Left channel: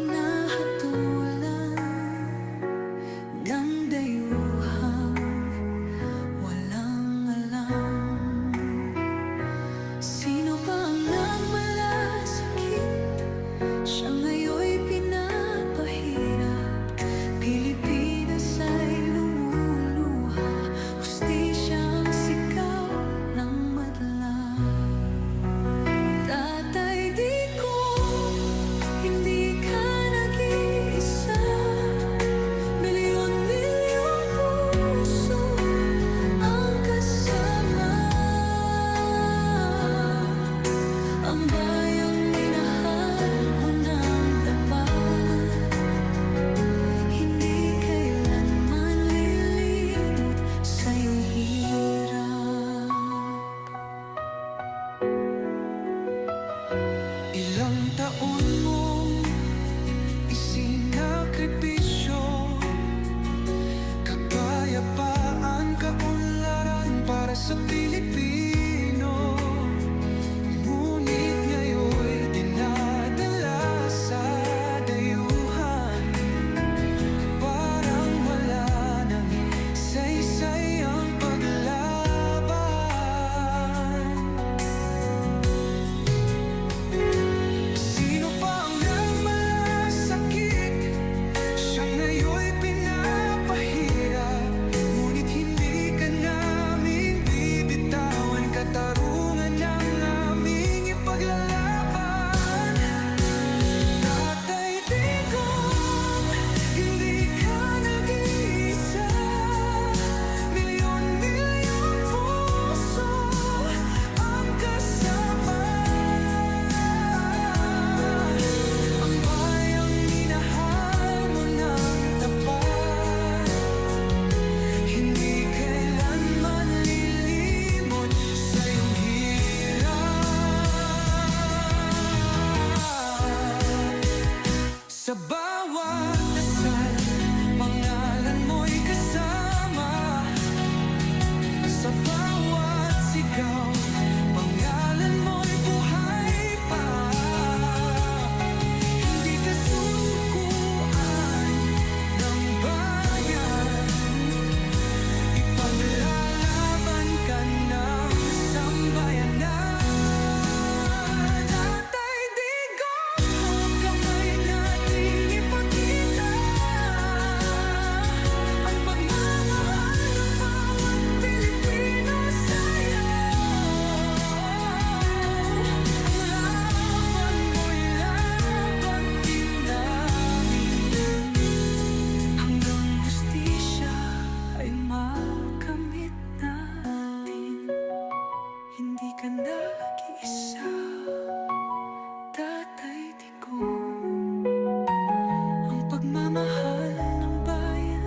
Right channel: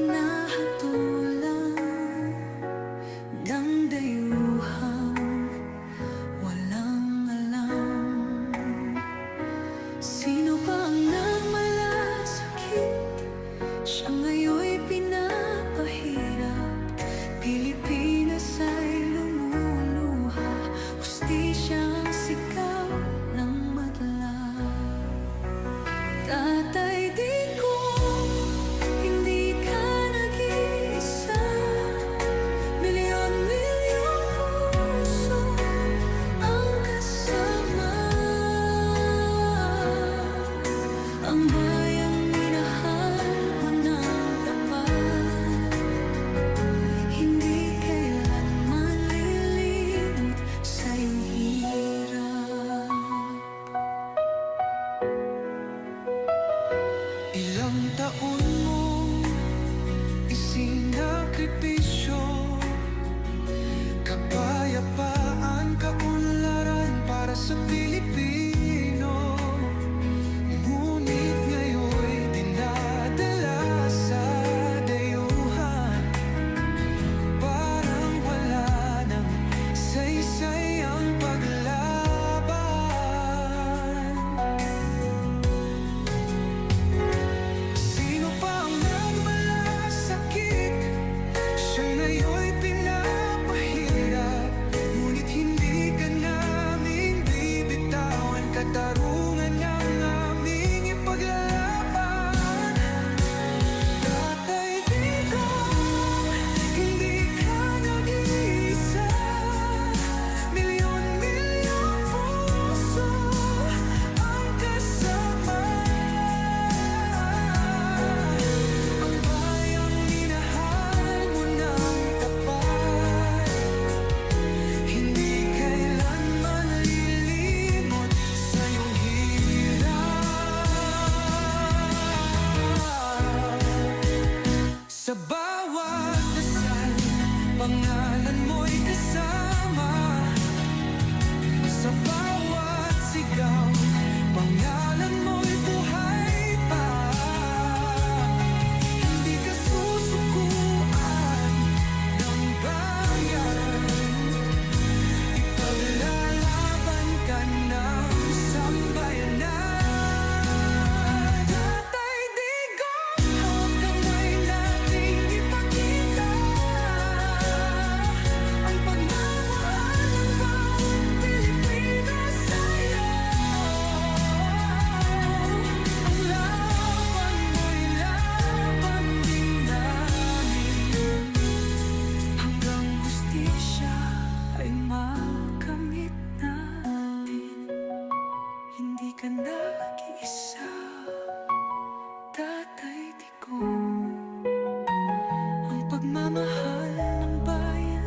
hinahatulan ng dayuhang walang alam. Sino pa ang nagmalasakit? Siya ngayon'y pinapahirap. Pilipinas ay lumuluha, hustisya ang sigaw ng madla. Tatay Digong, hindi ka nag-iisa. Milyon-milyong puso ang kasama. Ang bayang minahal mo ng tapat, hindi kailanman lilimot sa iyong hirap. Ilang taon mong isinakripisyo, kapayapaan, kaunlaran para sa Pilipino. Ngunit ngayon'y dinadala sa dayuhan, parang wala nang saysay ang paglaban. Sino pa ang nagmalasakit? Siya ngayon'y pinapahirap. Ngunit hindi ka namin bibitawan, katarungan ng aming ipaglalaban. Tatay Digong, hindi ka nag-iisa. Milyon-milyong puso ang kasama. Ang bayang minahal mo ng tapat, hindi kailanman lilimot sa iyong hirap. Sa bawat dasal, pangalan mo'y kasama. Sa bawat sigaw, pangalan mo'y buhay pa. Hindi ka susukuan ng bayan, ipaglalaban ka ng sambayanan. Tatay Digong, hawak kamay nating ipakita ang pagmamahal ng bawat Pilipino sa'yo. Ang laban mo'y laban din namin, hanggang hustisya ay makamit natin. Hindi ka nag-iisa, Tatay Digong. Ang pagmamahal ng bayan